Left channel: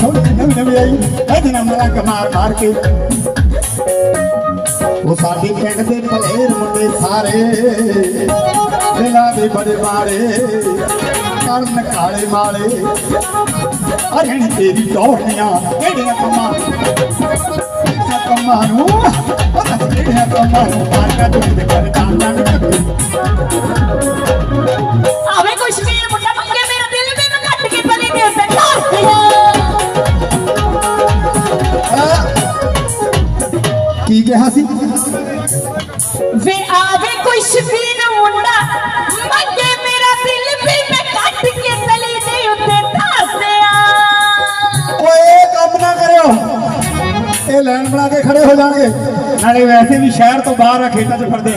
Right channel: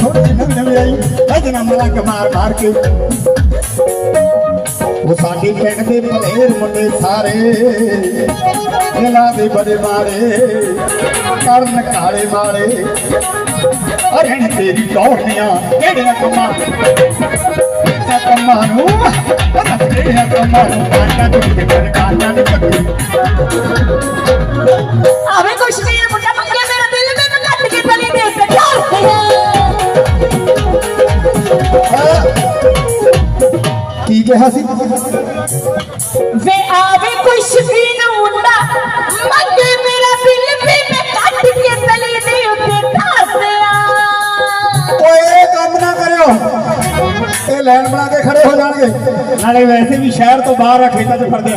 ਸੋਹਣੀ ਨਵੀਂ ਨਵੀਂ ਆਈ ਇਹਦੇ ਨਾਲ ਮਲੰਗ ਮਾਰ ਮਾਰ ਕੇ ਉਹ ਸਾਡੇ ਪਿੰਡ ਦੇ ਭਲੇਰ ਮੁੰਡੇ ਸਾਰੇ ਇਹਨਾਂ ਦੇ ਬੜੇ ਮਾਰੇ ਕਰਨ ਕਾਲੇ ਮਾਰੇ ਅਰੇ ਤੇਰੀ ਕੌਣੀਆਂ ਕਿਹੜੀਆਂ ਕੰਮਾਂ? ਕੀ ਕਿਹਾ ਸੀ? ਵੇ ਆਵੇ ਕੋਈ ਸ਼ਕੀਨ ਮੁੰਡਾ ਮੰਗੇ ਮੇਰਾ ਦਿਲ ਵੀ ਮੈਂ ਕੱਟ ਕੇ ਤਲੀ ਦੇ ਉੱਤੇ ਦਿਆਂ। ਓਏ ਕੰਮ ਨਾ ਕਰਿਓ। ਇਹ ਲਾਈਨ ਬਣਾ ਕੇ ਖੜੇ ਹੋ ਜਾਣਗੇ। ਨਾਲੇ ਵੈਸੇ ਵੀ ਸ਼ਹਿਰ ਤੋਂ ਬਾਹਰ ਆ ਖੇਤਾਂ 'ਚ ਫਿਰਦੇ ਆ।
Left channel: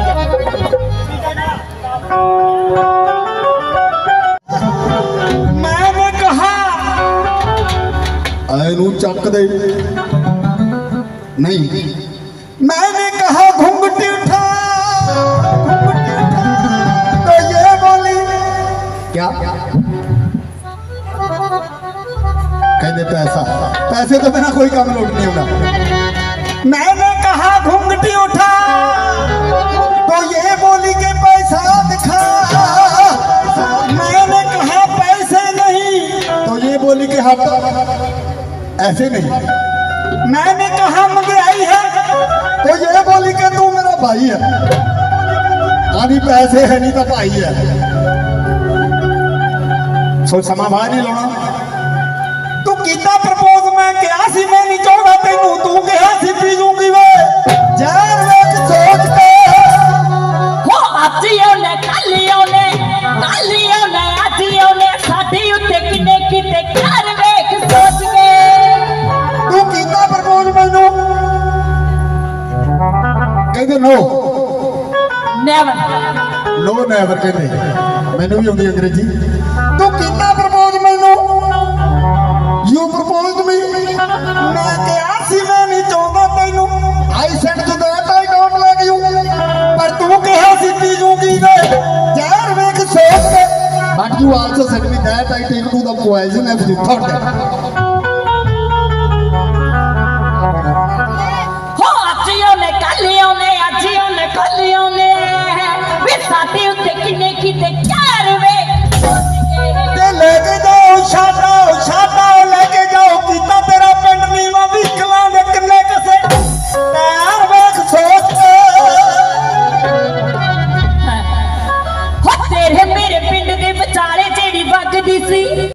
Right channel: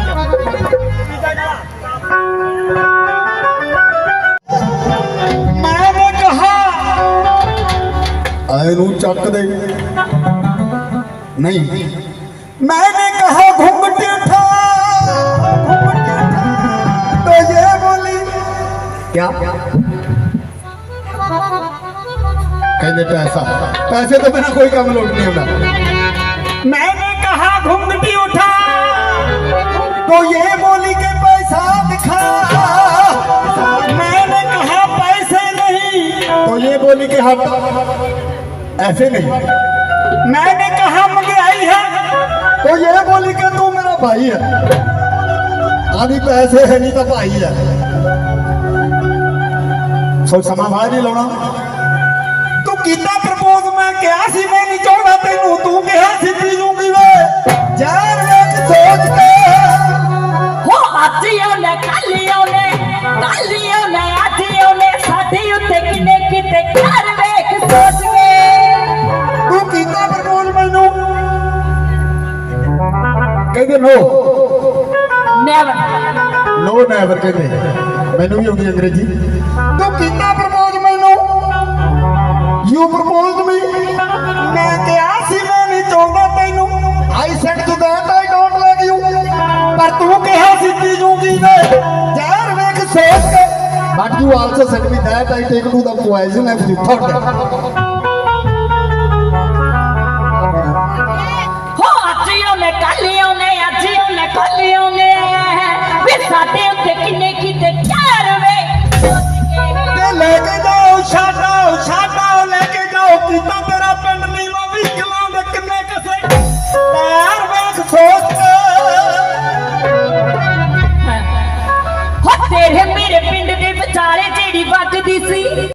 ਐ ਨੂੰ ਚੱਕ ਦੇ ਨਹੀਂ मैंने कहा घूंघट उठा तो ये बोली क्या कहते पैसा पैसे तो बिना कोई काम लोट नहीं होगा मैंने कहा घूंघटी उठा तो ये बोली के पैसा दिखा मैंने कहा पैसे नहीं तो ये बोली के हाथ ऐसे नहीं मैंने कहा मुझे आई है। तो ये बोली कि तू मेरा भाई है। अभी पैसे है नहीं तो भाई है। सो समाभा नहीं लाना तू किता प्रपोज मैं क्या सी मैं नहीं चाहूँगा तेन। तू क्या सी पी जूँगी वे। ਕਹਿੰਦੇ ਨੋ। ਨੈਵਰ ਨੋ ਨੈਵਰ ਕਹਿੰਦੇ ਮੈਨੂੰ ਵੀ ਆਉਂਦੀ ਅੰਗਰੇਜ਼ੀ। ਤੂੰ ਕੀਤਾ ਪ੍ਰਪੋਜ਼ ਮੈਨੂੰ? ਯੂ ਪ੍ਰਪੋਜ਼ਡ ਮੀ ਮੈਂ ਕਿਹਾ ਸੀ ਮੈਂ ਨਹੀਂ ਚਾਹੁੰਦਾ ਤੈਨੂੰ। I said to that I don't like you ਪਰ ਤੂੰ ਕਿਹਾ ਸੀ ਪੀ ਜੂਗੀ ਵੇ ਜ਼ਹਿਰ ਵੇਖ ਸੋਚ ਕੇ। But you also said me that I take to the poison if you thought the